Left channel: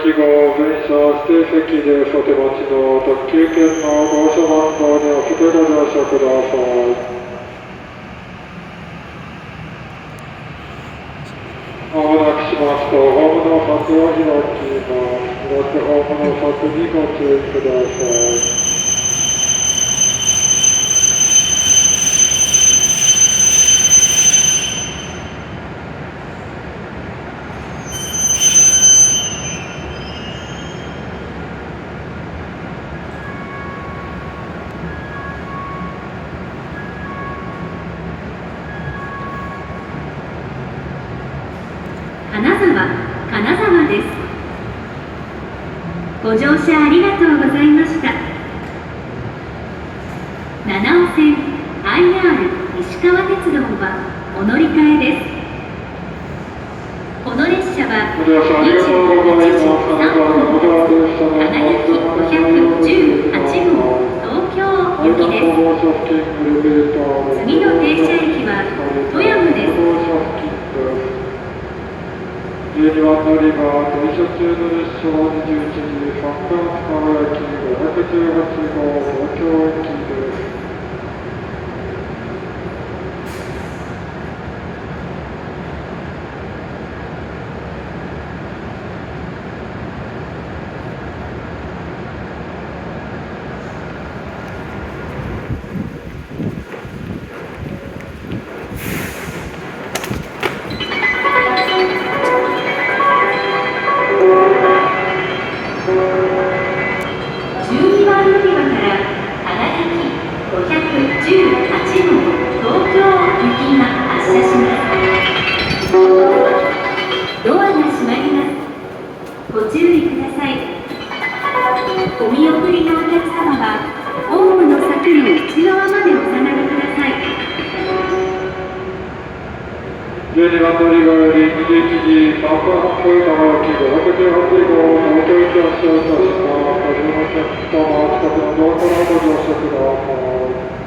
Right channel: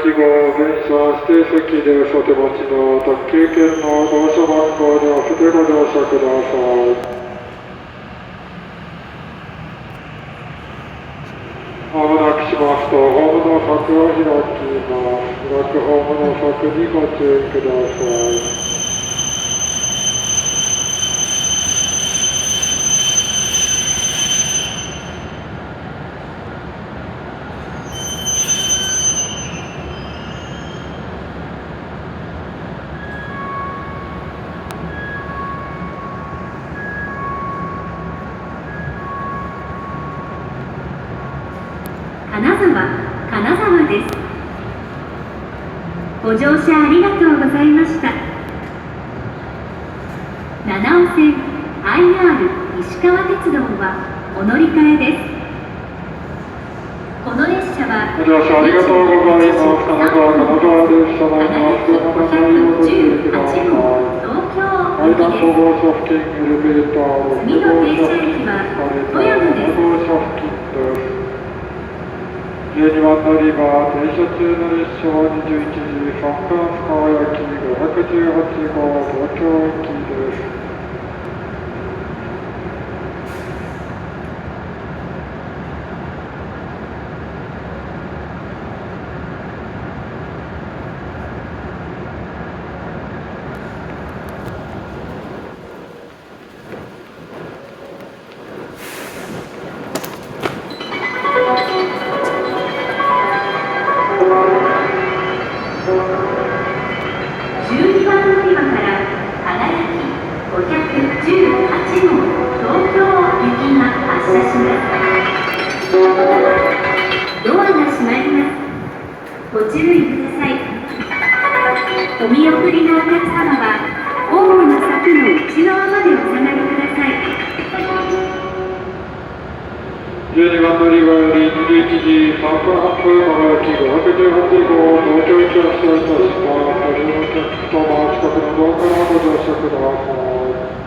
駅号電車指定席でお手持ちの特急券の号車番号に合わせてご乗車ください。まもなくしますと、ホームの柵を開きます。プラットホームの柵にご注意ください。金沢です。ご乗車ありがとうございました。七尾線 IR 石川鉄道はお乗り換えです。この列車はご乗車ありがとうございます。金沢金沢列車の518号東京行きです。次の停車駅は富山です。12番乗り場、停車中の列車は21時3分川焼518号東京行きです。ご注意ください。お見送りのお客様はホームの柵の内側までお下がりください。12番乗り場より21時3分発長崎518号東京行き発車いたします。ご利用のお客様、近くのドアからご乗車ください。